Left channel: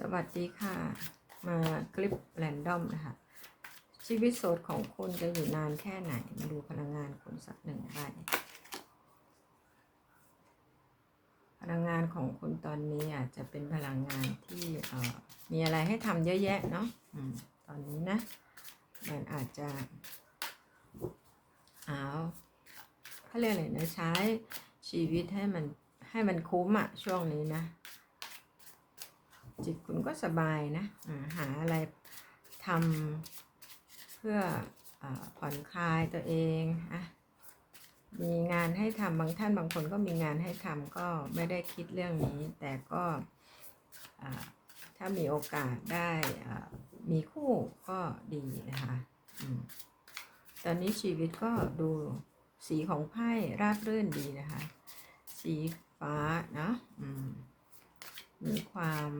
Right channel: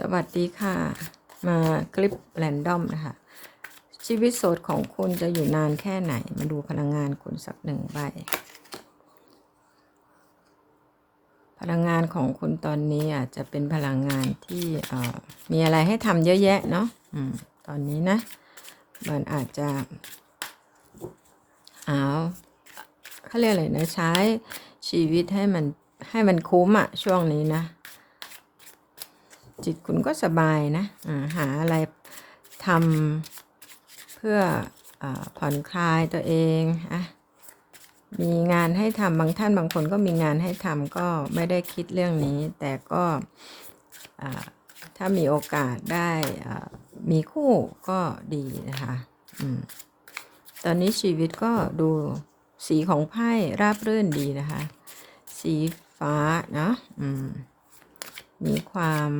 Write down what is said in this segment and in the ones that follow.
สวัสดีค่ะ มาคลิปแรนดอมนะคะ ชีวิตโสดของคุณจะอยู่นานแค่ไหน มาดูพลังงานคุณสักหนึ่งใบพลังงานของคุณตอนนี้อาจจะเป็นพลังงานที่มีอะไรให้ทำเยอะแยะเนาะอตอนนี้นะ มันอาจจะเอาเขาเรียกอะไรนะใช้ชีวิตให้มันให้มันคุ้มอะช่วงนี้นะ จิตคุณก็สบายนะาหาอะไรทำเพื่ออผ่อนคลายตัวเองอะมีงานให้ทำบางท่านบางคนก็มีงานให้ทำก็ไม่ได้คิดเรื่องนี้ แต่ก็ถ้ามีโอกาสได้มีคู่ก็ดีนะคะอตอนนี้ชีวิตก็ดูสีของไพ่ราบรื่นดีนะคะ สีฟ้านะอืม มีความ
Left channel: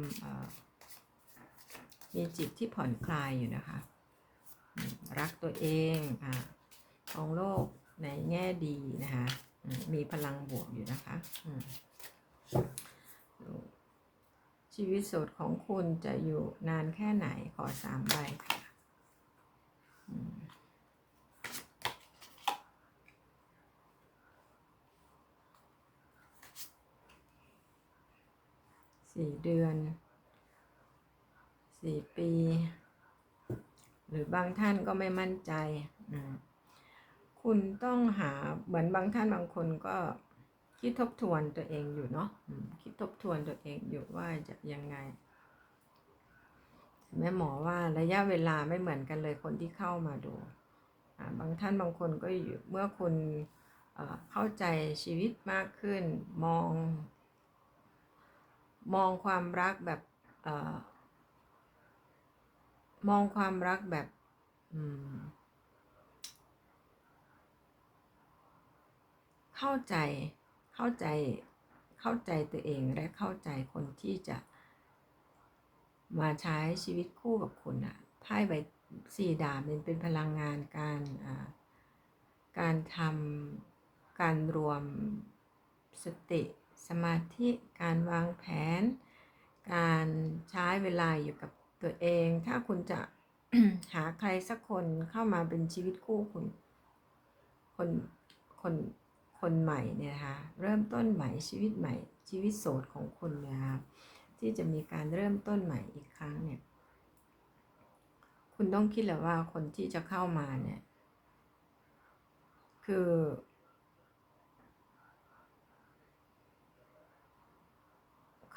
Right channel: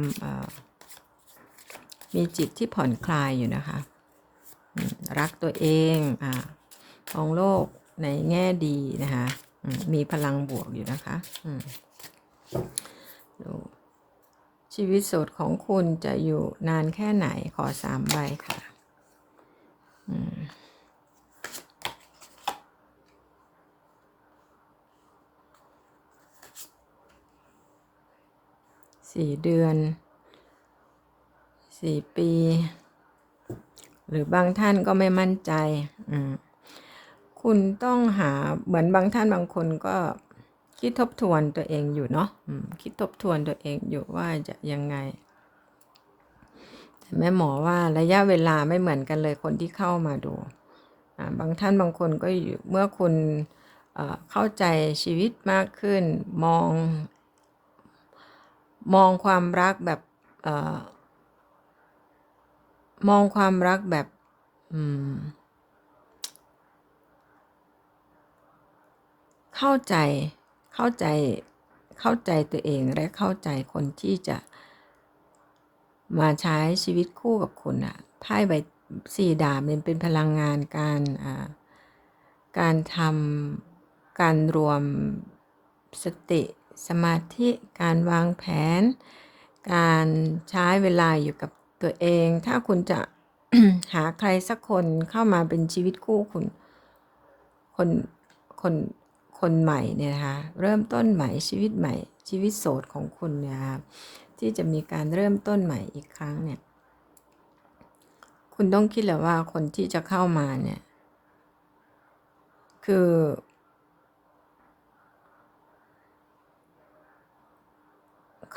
มีจิตที่ผ่อนคลายอยู่นะคะ รักตัวเองอ่ามองโลกในแง่ดีนะคะ มีพลังบวกอยู่นะคะดูชีวิตโสดของคุณจะอยู่นานแค่ไหนขอสามใบค่ะ อืม สี่เดือนสี่ปี หรือบางท่านก็ไม่มั่นใจ คุณต้องหาเหมือนบางท่านบางคนก็คิดทบทวนตัวเองอยู่เนาะคิดทบทวนตัวเองอยู่ว่าจะยังไงแต่แม่หมอว่าระยะเวลาไม่เหมือนกันเลยคนที่เข้ามาดู บางท่านบางคนก็อยู่เมื่อคุณเข้าใจชีวิตมากขึ้นมอง มองความรักแบบเออมองความรักแบบอืมเข้าใจเข้าใจเข้าใจตัวเองและเข้าใจคนที่จะมาใช้ชีวิตคู่กับคุณอะไพ่ใบสี่ดาบมันเป็นพลังงานการอ่าการทำการรวมสติ สมาธิการวางแผน การใช้เวลาอยู่กับตัวเอง ถ้าคุณจะหาใครสักคนเข้ามาเป็นชีวิตคู่คุณคนคนคนใหม่เนี่ยนะคะเริ่มต้นใหม่ชีวิตใหม่ ชีวิตโสดของคุณเนี่ยครับที่จะมีการเริ่มต้นใหม่อีกครั้งเนี่ย คุณต้องคิดแหละว่าคนที่จะเข้ามาเนี่ย คือ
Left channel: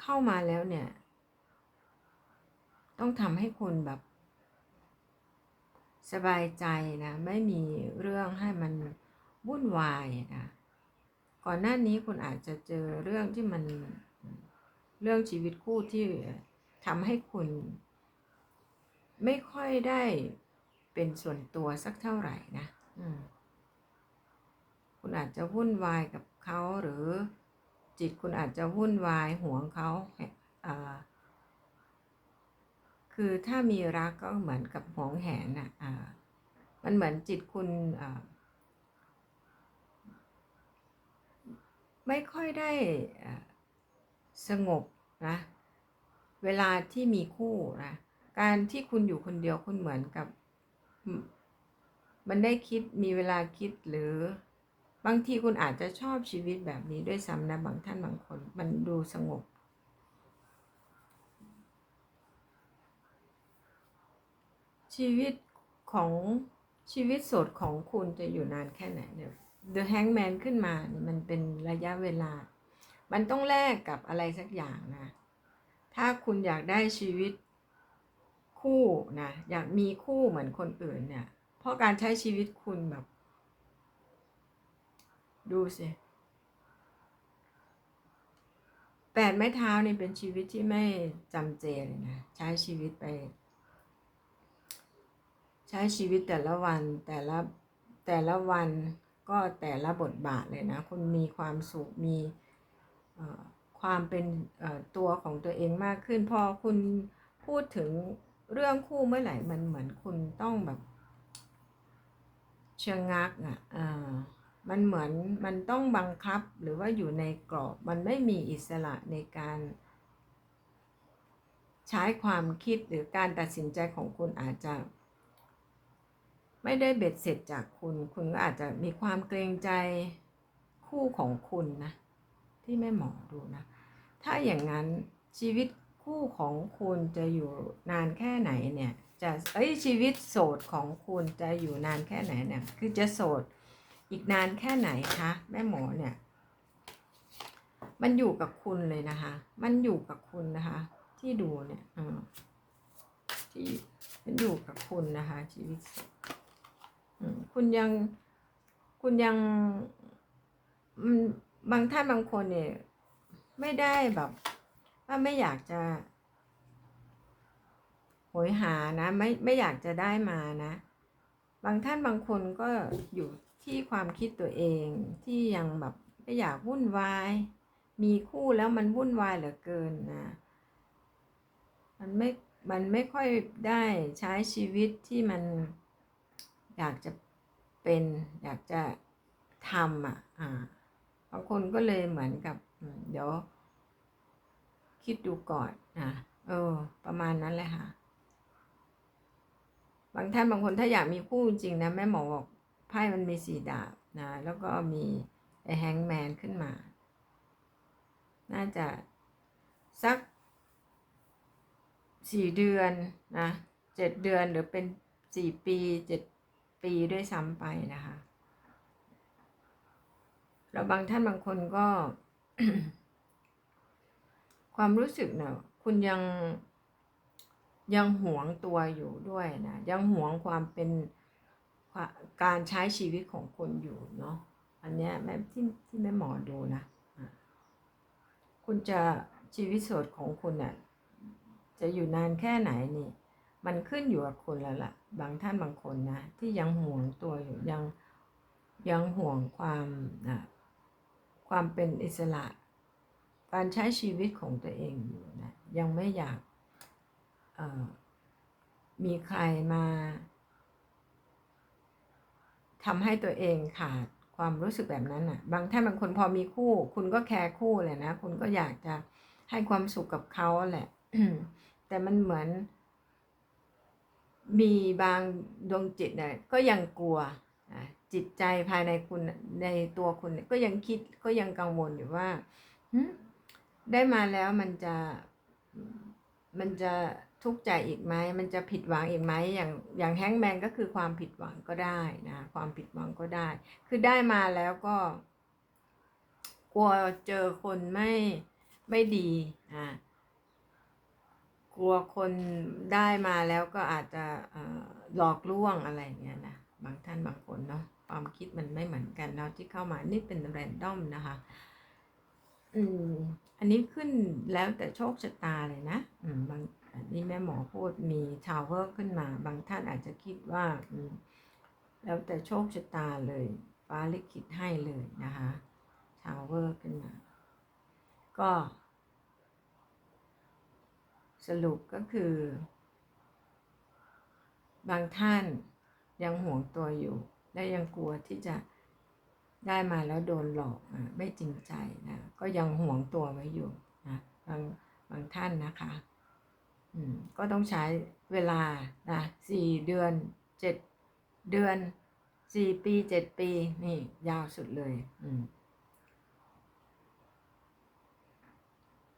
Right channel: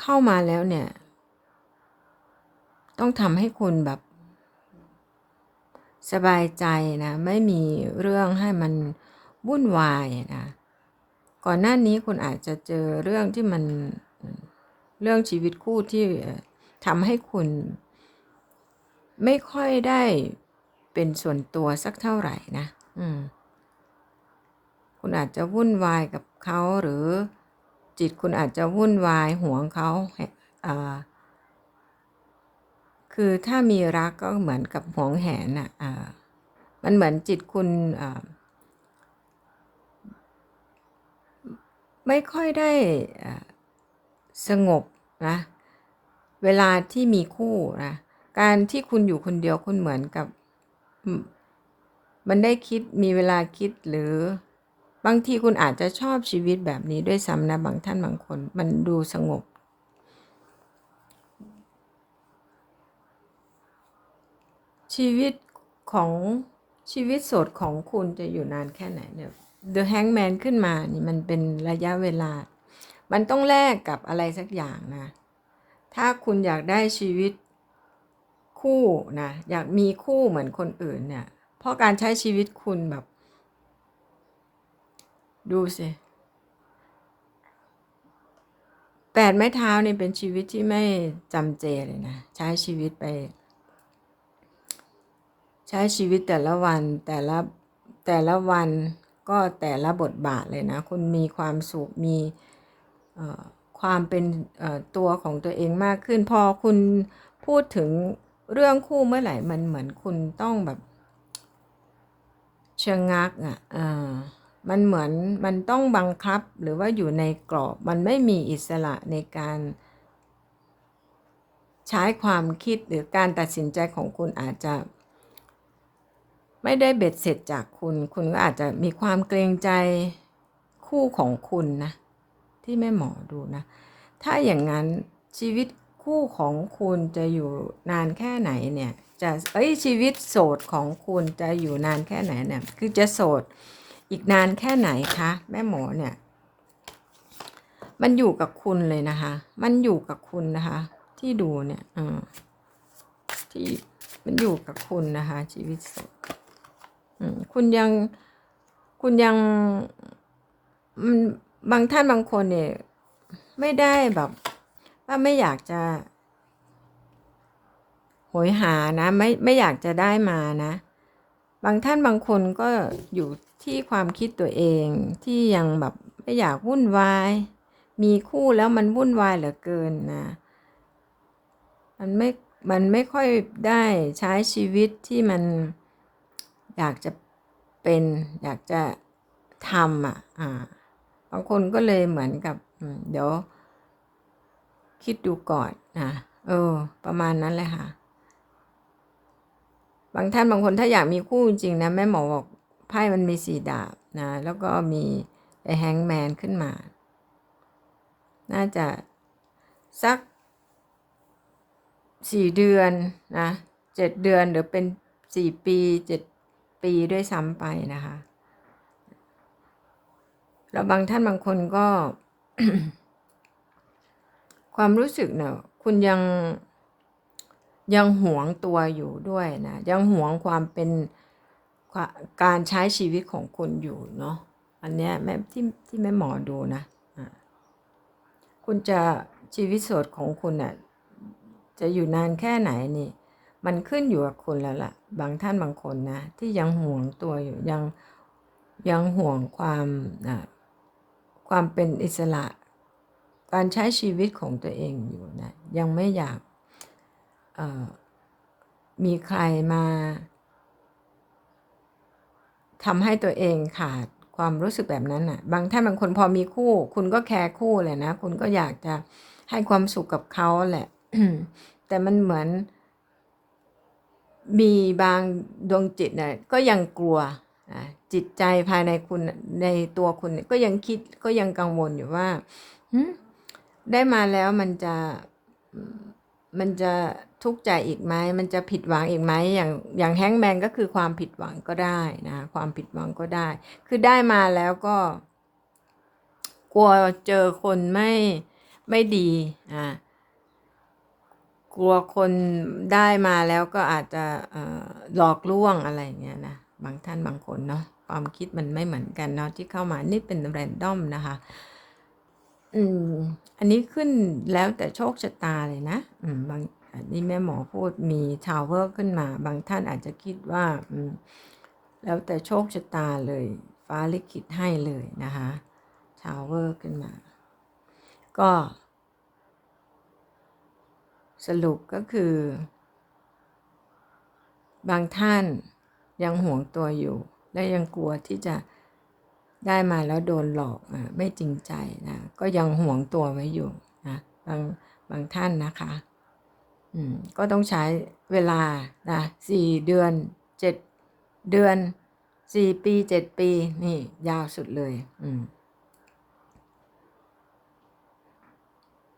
เข้ามาแล้วเนี่ย ต้องทำให้คุณแบบ สบายใจนะ ไม่มีเรื่องให้มันวุ่นวายนะ ก่อนหน้านี้คุณอาจจะเจอเรื่องที่มันเรื่องชีวิตคู่ที่ทำให้คุณ ไม่ค่อยได้เป็นส่วนตัวสักเท่าไหร่นะ อืม คุณอาจจะวุ่นวายกับเขาหรือ จิตคุณอาจจะวุ่นวายห่วงเขาคือถ้ามีรักก็เหมือนกับห่วงแหนอะมันเหมือนจิตคุณไม่ค่อยได้สงบนะ เวลาที่มีคู่นะการที่คุณอยู่คนเดียวคุณเหมือนกับมมันได้คิดมีเวลาคิดหรือ บางทีคุณอาจจะชอบชีวิตแบบนี้ด้วยซ้ำนะบางท่านบางคนมันดูสงบ ชีวิตของชีวิตสดของคุณจะอยู่นานแค่ไหนเนี่ย The Hangman ขึ้นมานี่มันเป็นระยะเวลา มันต้องแลกกับอะไรสักอย่างนะ ถ้าคุณอยากได้ชีวิตคู่นะ อยากมีคู่เหมือนคนอื่นเนี่ย เพราะการใช้ชีวิตคุณแบบ ดูสิแปดไม้เท้านี่เป็นชีวิตที่ไม่จำเจเลยนะ ใช้ชีวิตไป ใช้ชีวิตแต่ละวันแต่ละแต่ละวันก็แต่ละบทบาทเลยนะ คุณมีความสุขมีความเป็นตัวของตัวเองมากขึ้น พอคุณพูดถึงเรื่องคู่เมื่อไหร่มันเหมือนคุณต้องแบบชะงักอะอ่า มันเหมือนมันต้องบังคับหรือว่าอยู่ในกรอบมันไม่มีอิสระในการ ใช้ความคิดหรือการตัดสินใจของคุณอาจจะ ไม่ได้เบ็ดเสร็จจากคุณ คุณก็อาจจะมีความเกรงใจคู่ของคุณนะ ที่แม่หมอดูนะ ถ้าอย่างนั้นชีวิตคู่ของคุณจะอยู่นานแค่ไหนเนี่ยจะเอ้ยชีวิตโสดของคุณจะอยู่นานแค่ไหนเนี่ยคือจะโสด อีกนานแค่ไหนคะแม่หมอเนี่ย มันอยู่กับคุณเลยนะคะ มันอยู่กับคุณนะคะ ที่ดูเนี่ยอที่มันอยู่กับคุณนะคะ ชีวิตสดคุณยังคุณยังมันบางท่านบางคนเนี่ย ไม่ได้แบบ ว่าไม่อยากจะโหยหานะ ไม่ไม่อยากจะได้มานะ บางท่านบางคนก็อยู่ที่ความคิดตัวเองที่ยังแบบไม่อยากวุ่นวาย มีคู่แล้วมันวุ่นวายเหลือเกินนะ มันไม่ มันไม่ค่อยได้ใช้ชีวิตที่มันอยากจะเป็นอยากจะทำอะ อ่า บางคนก็เลยเหมือนกับเดี๋ยวคิดดูก่อนนะเออ ประมาณนั้นเลยค่ะ บางท่านบางคนถ้าอยากมีคู่จริงนะแม่หมอบอกไพ่มันมีสีดาบนะ แล้วก็มีไอ้แฮงแมนขึ้นมา น่าจะสักสี่เดือนนะเจ็ดเดือนหรือเป็นสี่ปีเจ็ดปีด้วยซ้ำไปนะคะ แล้วบางท่านบางคนก็ ความรู้สึกเนี่ยคุณยัง ยังหวงตัวอยู่ด้วยนะยังหวงความเป็นการใช้ชีวิตของคุณอยู่เนาะอันเนี้ยแม่ที่ที่แม่หมอดูนะคุณจะชีวิตสดของคุณน่ะจะอยู่นานแค่ไหนนี่ มันขึ้นอยู่กับคุณแล้วล่ะ บางท่านบางคนนะ ที่ยังห่วงตัวอยู่ยังยังห่วงความความเป็นอิสระ การใช้ชีวิตของตัวเองอยู่นะ ยังไม่อยาก มีใครมาทำให้ตัวเองขาดความรู้สึกแบบนั้นน่ะ บางท่านบางคนพอมีคู่ คุณก็แคร์คู่เลยนะ คุณก็อยากจะให้ความสุขกับเขาแหละ แต่มันเหมือน มีบางดวงจิตเนี่ยก็ยังกลัวจิตใจภายในคุณในตัวคุณก็ยังคิดก็ยังกังวลอยู่ว่าได้มาแล้วมันจะมันจะ ทุกข์ใจอีกไหมมันจะผิดหวังอีกไหมอย่างอย่างแฮงแมนก็คือความผิดหวังก็ได้นะความผิดหวังก็ได้ คือได้มาแล้วก็ กลัวเจอคนไม่ไม่ดีอ่ากลัวคนได้มาแล้วก็อาจจะหลอกลวงอะไรเงี้ยนะบางท่านบางคนเนาะความคิดมันไม่เหมือนกันเนาะที่เข้ามานี่เป็นแรนดอมนะคะอืมอันนี้ขึ้นแล้วแต่โชคชะตาเลยนะ อืมบาง อันนี้แม่หมอพูดมีทาวเวอร์ขึ้นมา บางท่านอาจจะคิดว่าแล้วแต่โชคชะตาเลย ฟ้าลิขิตให้เลยนะคะทาวเวอร์ขึ้นมา ก็ สรุปก็คือ บางท่านยังห่วงตัวอยู่ และยังกลัวที่จะได้มาแล้วโดนหลอกอไม่จริงใจนะ ก็ยังห่วงตัวไว้อยู่นะบางบางท่านนะคะ ก็ต้องใช้เวลานะสี่เดือนเจ็ดเดือนสี่ปีเจ็ดปี นี่ ยาวสุดเลย อืม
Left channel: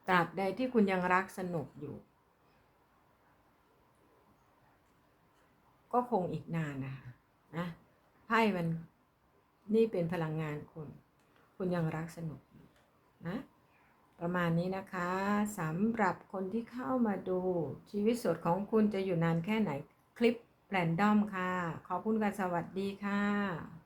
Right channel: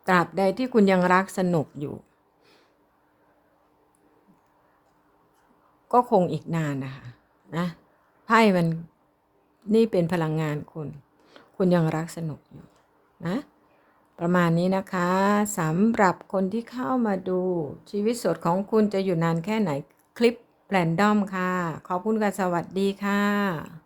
ตราบใดที่คุณยังรักสนุกอยู่ ก็คงอีกนานนะคะนะไพ่มันนี่เป็นพลังงานคุณ คุณยังรักสนุกอยู่นะ ประมาณนี้นะคะสำหรับคนที่เข้ามาดูชีวิตสดของคุณจะอยู่นานแค่ไหนคลิปแรนดอมค่ะ ขอบคุณค่ะสวัสดีค่ะ